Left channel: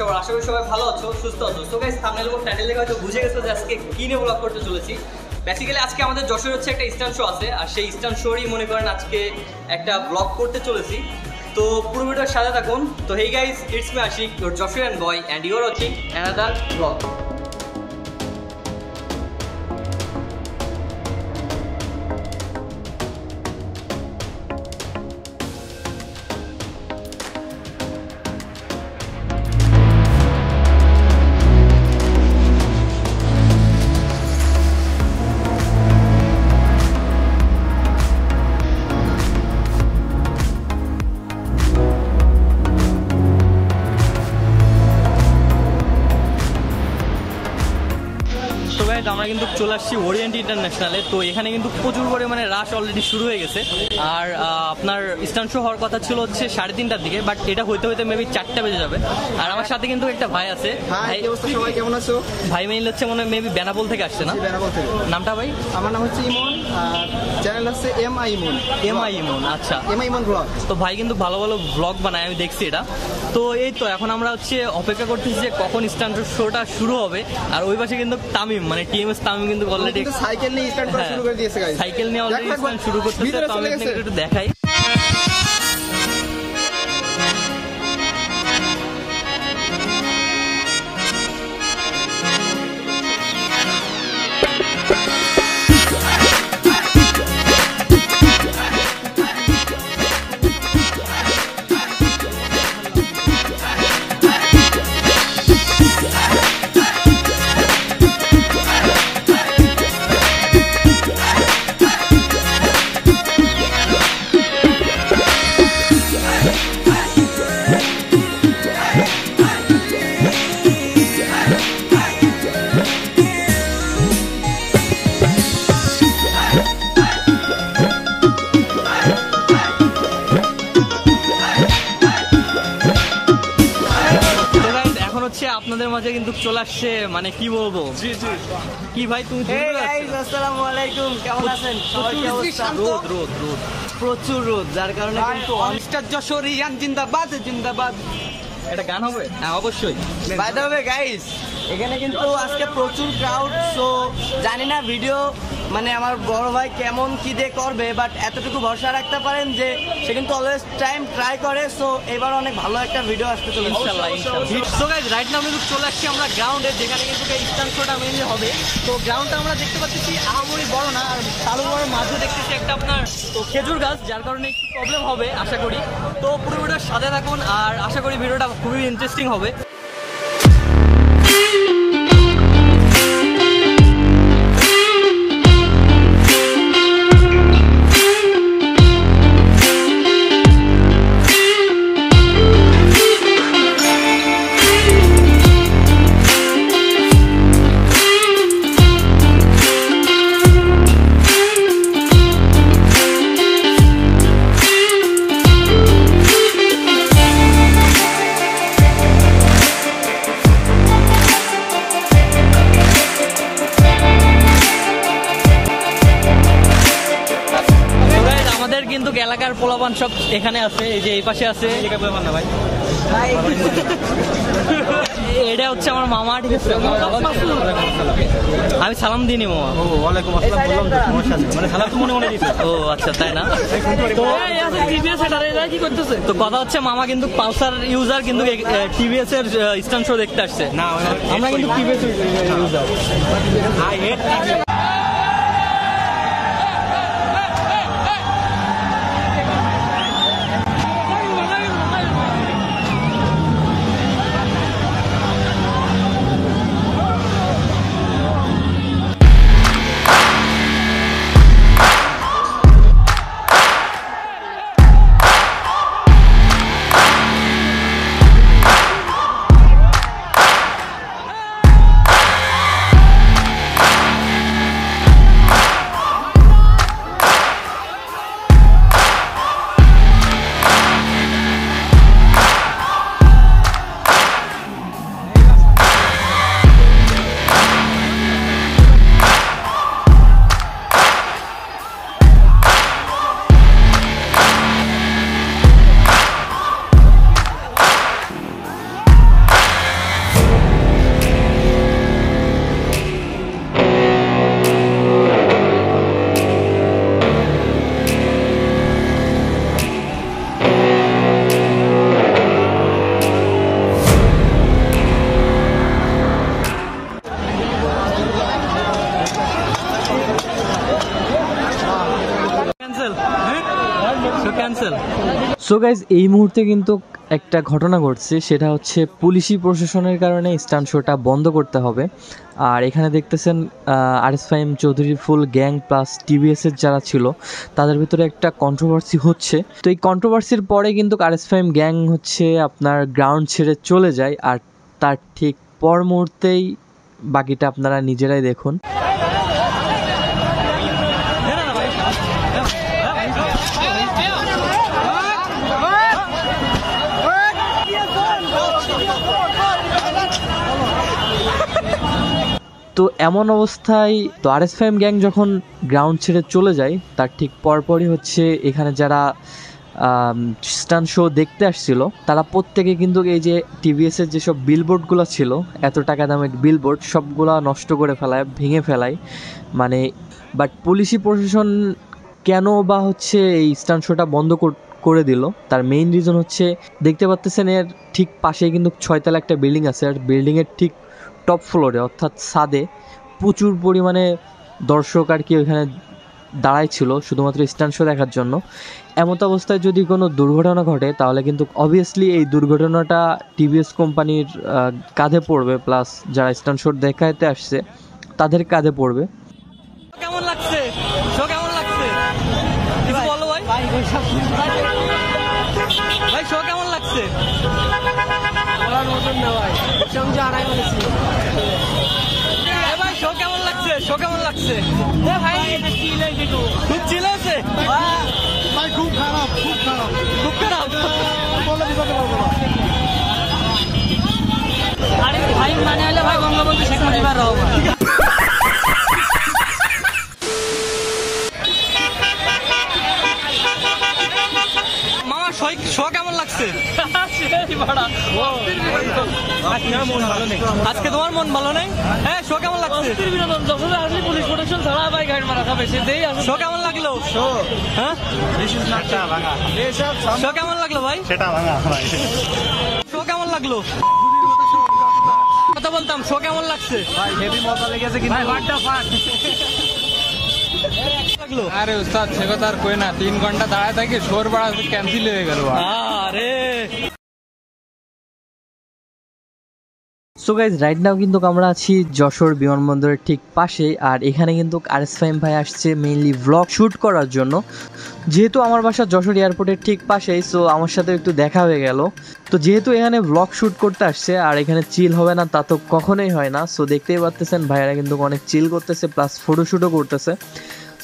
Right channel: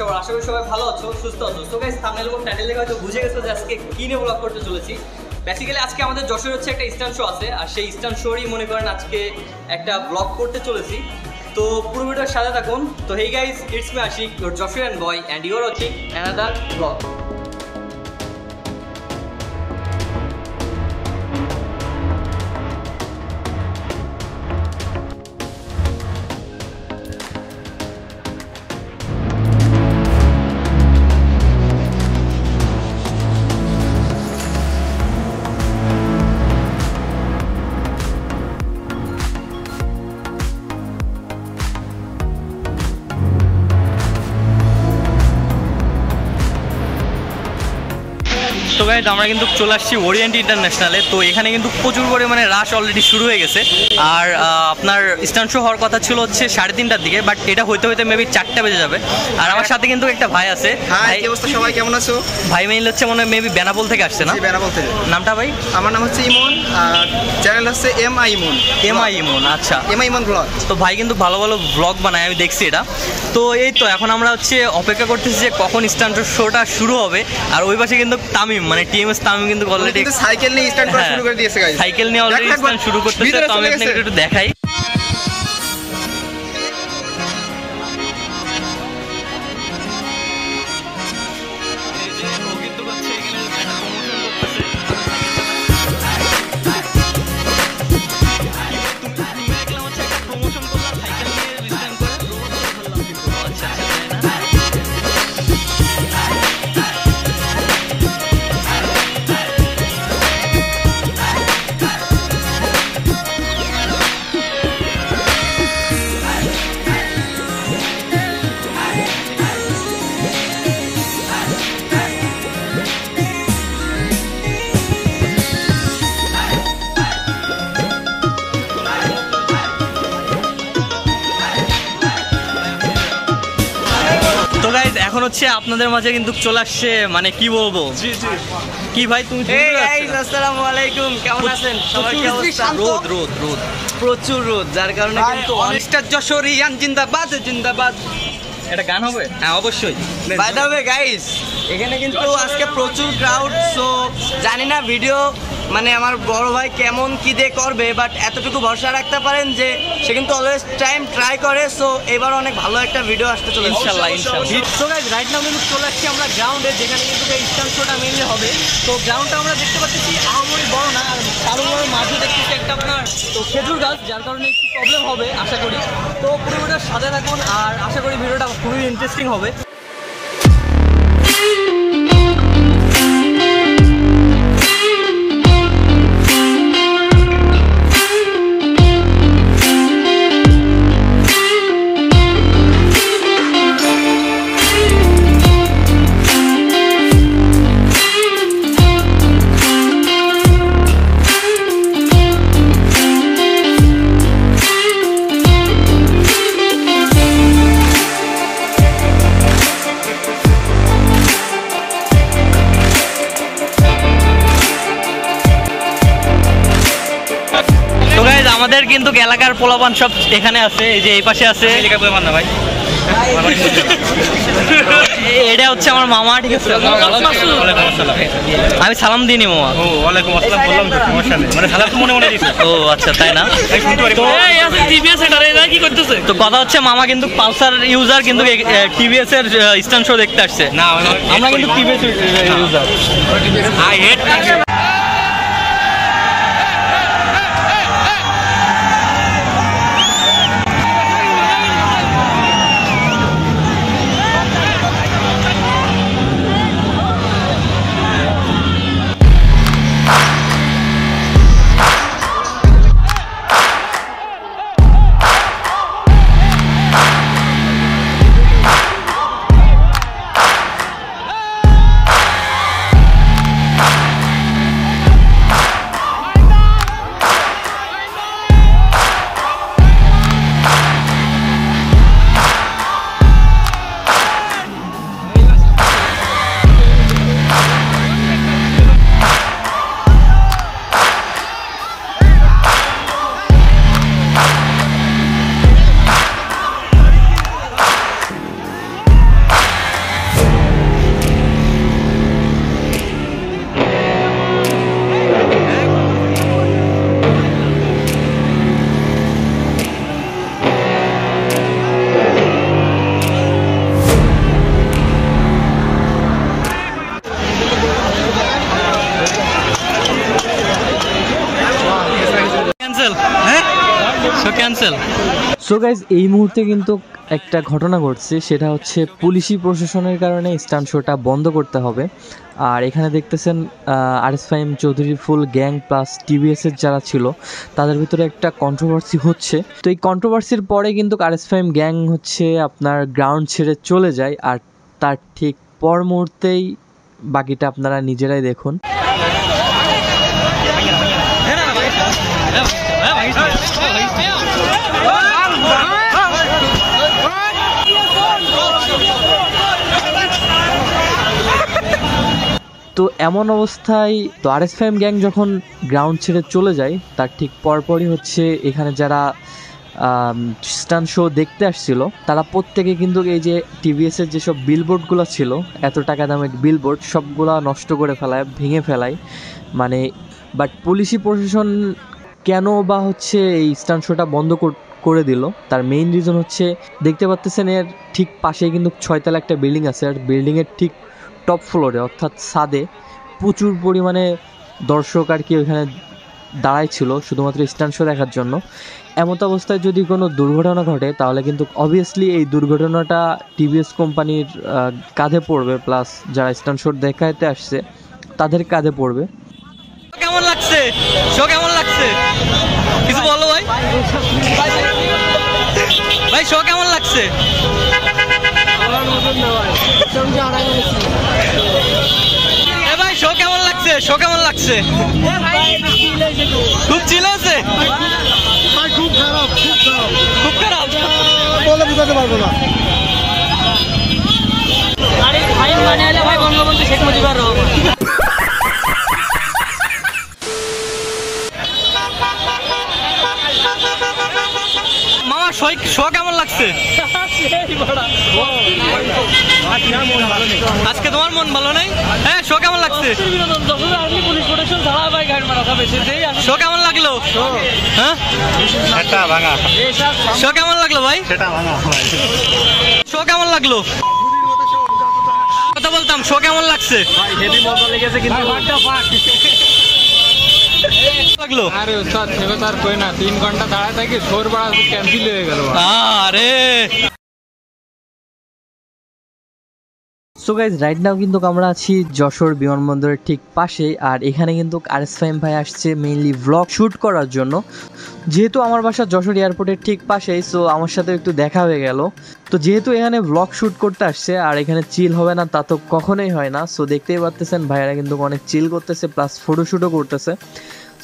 সবার? আশা করি সবাই ভালো আছো, সুস্থ আছো। সো গাইস, থাম্বনেল এবং টাইটেল দেখে হয়তো বুঝে গেছো যে আজকে কি নিয়ে ব্লগ করতে চলেছি। বেসিক্যালি আজকে আমাদের যশোর হচ্ছে একটা স্ট্যান্ড শো আছে, আর সেই স্ট্যান্ড শোরই মনে করেন আজকে একটা ব্লগ করতে চলেছি। তো পুরো ভিডিওর সাথে থাকুন। তো hey guys, it's me Ashik, your Jashorian boy, and you are watching another vlog. তো গাইস, আমরা কিন্তু চলে আসছি ওরিয়েন্ট ইন্টারন্যাশনালে। তো এখানে কিন্তু প্রচুর পরিমাণে রাশ অলরেডি শুরু হয়ে গেছে। আর আপনার স্ট্যান্ড শো হওয়ার কথা ছিল হচ্ছে 3:30টার দিকে, বাট এটা হইতে হইতে মেবি 4টা বেজে যাবে। আর আমার সাথে কিন্তু একটা ভাই আছে। হাই, কি অবস্থা সবাই, কেমন আছো? ভাই মেইল হচ্ছে মনে হয় মেবি বেনাপোল থেকে আসছে না? বেনাপোল থেকে। নামটা ভাই? আমার নাম হচ্ছে ইমন, আর চ্যানেল হচ্ছে এমআই ইমন। এমআই ইমন, আচ্ছা। এমআই ইমন ব্লগ। তো ভাই কিন্তু ভালো ভালো ব্লগ বানায়, আমি দেখছি এটা। তো এই তো এখন আমরা হচ্ছে অপেক্ষা করতেছি যে কখন স্ট্যান্ড শোটা শুরু হবে। আর ওই পাশে কিন্তু তামিম, মানে টিএমএস তামিম কিন্তু অলরেডি সাইকেল নিয়ে স্টার্ট করা শুরু করে দিয়েছে গাইস। সাইকেল নিয়ে অলরেডি স্টার্ট শুরু করতেছে। তো আমি আপনাকে একটু দেখাই। এখন হচ্ছে আপনাদের মাঝে কিন্তু চলে আসছে, মানে কি বলবো, কি ভাই তুমি? আসসালামু আলাইকুম, কেমন আছেন সবাই? কি অবস্থা? রোদ রোদ রোদ, প্রচুর রোদ, যার কারণে কিন্তু মিস্টার যশোরিয়ান জিন্দাবাদ জিন্দাবাদ। এটা গান হবে? হ্যাঁ অবশ্যই। বাই দ্য ওয়ে গাইস, এখানে কিন্তু আজকে প্রচুর ক্রাউড। সো জানি না ভিডিও মানে আমার বড় ভাই কেমন কি দিয়ে করবে, বাট এতটুকু ভরসা রাখতে পারেন যে সে কিন্তু অলওয়েজ টাইম ট্রাই করে। সো এবার অনেক ভালো একটা ভিডিও আসতে চলেছে ইনশাআল্লাহ ইনশাআল্লাহ। সো গাইস, রাইট নাও কিন্তু চলে আসছি আমরা গ্রাউন্ডে, যেখানে কিন্তু এই স্ট্যান্ড শোটা মেইনলি হবে। তো গ্রাউন্ডটা আমরা দেখতে পাচ্ছি আহামরি বড় না, আর চালুর মাঝে দেখতেছি একটা আপনার তো খেজুর গাছ, যার কারণে একটু প্রবলেম হবে আশা করি। তো পুরো ভিডিওর সাথে থাকুন, আর আশা করি ভিডিওটা খুবই ইন্টারেস্টিং হবে। আমাদের কিন্তু এলাকার পোলাপান সব এখানে আছে, এই যে এই পাশে আছে। ভাই এটা হচ্ছে আমার মামা, ঠিক আছে? আমি সালাম দিইনি মামা। ও ওয়ালাইকুম আসসালাম বললাম তো, সমস্যা নেই, মানে সালাম তো মনে মনে দিছো। ও আচ্ছা, তাই না? আমি শুনতে পারি। কি করতেছে? তো কথা হচ্ছে মামা কিন্তু পালসার ইউজার, কিন্তু টিভিএস এর স্ট্যান্ড শো দেখতে আসছে। না, আমরা কিন্তু TVS user. I hate. Show cancel. So guys এই মুহূর্তে কিন্তু একটা ঘটনা ঘটছে, সেটা হচ্ছে পুলিশি প্রশাসনের কারণে স্টান্ট শোটা বন্ধ করতে হবে। আর এখানে দেখতেছেন আরএস ফাহিম চৌধুরীর ফুল গ্যাং প্লাস টিভিএসের যারা ছিল তাদের ভিতরে একটা কন্ট্রোভার্সি হচ্ছে। তো এই কন্ট্রোভার্সির পরে কিন্তু আরএস ফাহিম গ্যাং হচ্ছে আপনার গ্রাউন্ড ছেড়ে চলে যায়, আর তার ঠিক পর মুহূর্তেই বাকিটা আপনারা নিজেরাই দেখুন। তো এমন অবস্থায় তো আরএস ফাহিম গ্যাং যখন গ্রাউন্ড ছেড়ে চলে যায় তার ঠিক পরপরই হচ্ছে এখানে যারা স্টান্ট শো দেখতে আসছিল তারা প্রত্যেকে কিন্তু এই যে টিভিএসের যেসব বিলবোর্ডগুলো ছিল, এত টাকা দামের বিলবোর্ড, সবগুলা নষ্ট করে ফেলায়, ভেঙে ফেলায়। মানে বাট পুলিশি প্রশাসন কেন বা হচ্ছে এই স্টান্ট শোটা বন্ধ করে দিল, তার মেইন রিজন হচ্ছে দেখতে পাচ্ছেন এর ঠিক পাশেই কিন্তু 6 তলা একটা বিল্ডিং আছে, আর বিল্ডিংয়ের ঠিক টপ ফ্লোরে অর্থাৎ ছাদে প্রচুর পরিমাণে দর্শক আর কি ওইখানে দাঁড়ায় ছিল শুধুমাত্র স্টান্ট শো দেখার জন্য। এমত অবস্থায় যদি কোনো দুর্ঘটনা ঘটে তাহলে কিন্তু অবভিয়াসলি এই দুর্ঘটনাটা টিভিএস কোম্পানির কাঁধে পড়বে, প্লাস যারা স্টান্ট শো দেখাতে আসছে তাদের কাঁধে পড়বে। কেমন লাগছে শো, কেমন লাগছে কিছু বলো ভাই। ভাই শো কেমন লাগছে? ভাই শো কেমন লাগছে? শো কেমন লাগছে? খুব চিল আছে, খুব খারাপ, খুব খারাপ বলে বুঝাতে পারবো না। ভাই মানে হলে ভাই বঙ্গবন্ধু শেখ মুজিবুর রহমান। মামা শো কেমন লাগছে? আজকে তোমার মন ভালো নেই? হ্যাঁ শো কেমন লাগছে? শো কেমন লাগলো? হ্যাঁ শো কেমন লাগলো ভাই? শো কেমন লাগলো? কথা বলতাম, শো কেমন লাগছে? লাগলো? আরে স্যার ছেলে তার কই না 3 ঘন্টা দাঁড়ায় থাকি, শোর বাড়া ক্যান্সেল হয়ে গেল। আরে সো গাইজ রাইট নাও কিন্তু আমরা আছি যশোর বিমানবন্দরের ঠিক পাশে, আর এখানে কিন্তু আরএস ফাহিম ভাই আসছে মেইনলি ভ্লগ শ্যুট করার জন্য। যেহেতু আমার বাসা যশোর এয়ারপোর্টের ঠিক পাশেই, সো আমার সাথে একটু দেখা হয়ে গেল। তো যেহেতু এখানে ভ্লগ শ্যুট করতে আসছে আর এখানে চিল হবে না তা তো কখনোই হয় না। সো দেখতেই পাচ্ছেন ভাইয়ারা কিন্তু অনেক চিল করতেছে, প্লাস ফটোশ্যুটও করতেছে।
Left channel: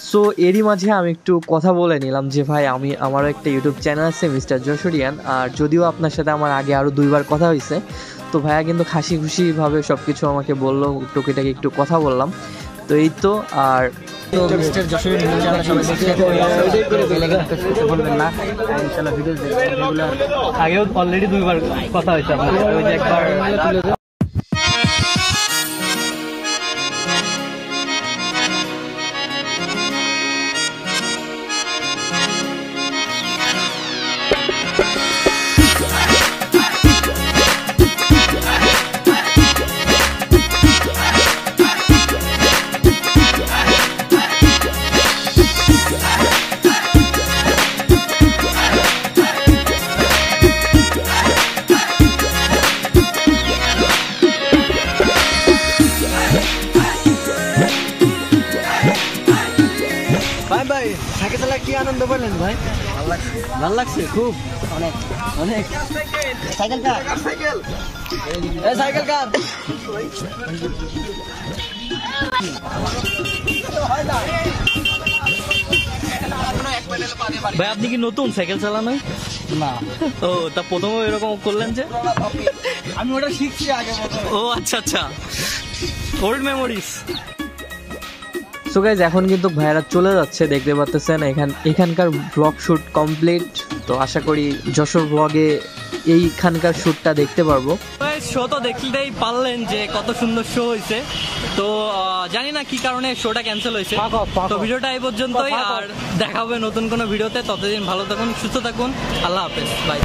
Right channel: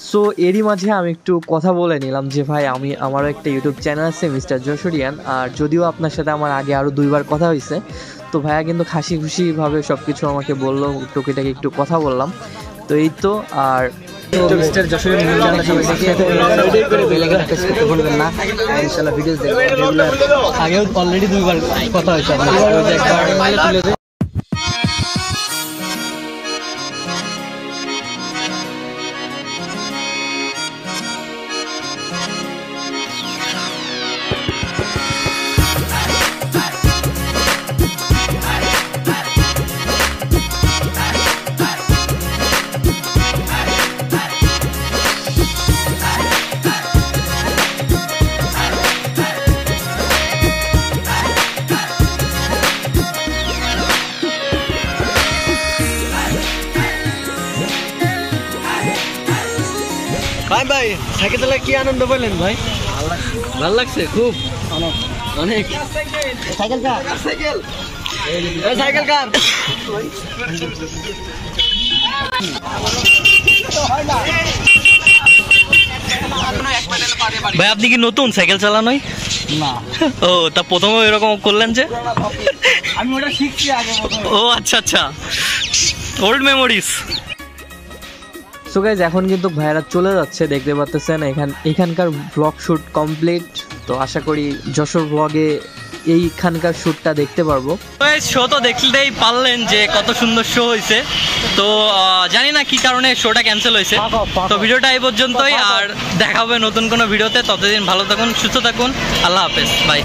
সো এরই মাঝে আমি একটু কথা বলে নিলাম যে ভাই আমারও একটা ইউটিউব চ্যানেল আছে মিস্টার যশোরিয়ান, আর যদিও আপনার সাথে আমার আগে আরও 2বার কথা হয়েছে। তো ভাইয়া কিন্তু হাসি খুশিভাবে সব কিছু আমাকে বললো, টুকিটাকি একটু কথা বললাম। তো এই তো, আর মিস্টার যশোরের নিউজ চ্যানেল সবাই দেখে বেল আইকন প্রেস করতে ভুলবেন না, আর ইনশাআল্লাহ ভিডিওস দেখবেন রেগুলার। আগেও অলরেডি 2বার কথা হয়েছে আপনার সাথে। ভাই সাইকেল চালায় কি আনন্দ বললেন ভাই? ভালো লাগছে খুব, অনেক অনেক। সাইকেল কার? সাইকেল সাইকেল কার? ভাই আপনি কি নতুন সাইকেল চালানোই? না। ও তা প্রথমে এরকম করলেন যে? আমি ওটা শিখছি আগে। ও আচ্ছা আচ্ছা, ওল্ড মেমোরিজ। সো গাইজ এখন কিন্তু ভাইয়ারা চলে যাচ্ছে, দেখতে পাচ্ছেন এখানকার ব্লগ শ্যুট কমপ্লিট। তো আশা করি যশোর ব্লগে এইখানকার শ্যুটটা দেখতে পারবো। শো তো দেখলেই পারলেন যে কত সুন্দর শো হয়েছে। তো জানি না কি কারণে শোটা ক্যান্সেল হয়েছে। তো ভিডিওটা এই পর্যন্তই, আর দেখা হবে নতুন কোনো ভিডিওতে। ততদিন ভালো থাকুন, সুস্থ থাকুন, আল্লাহ হাফেজ, বাই।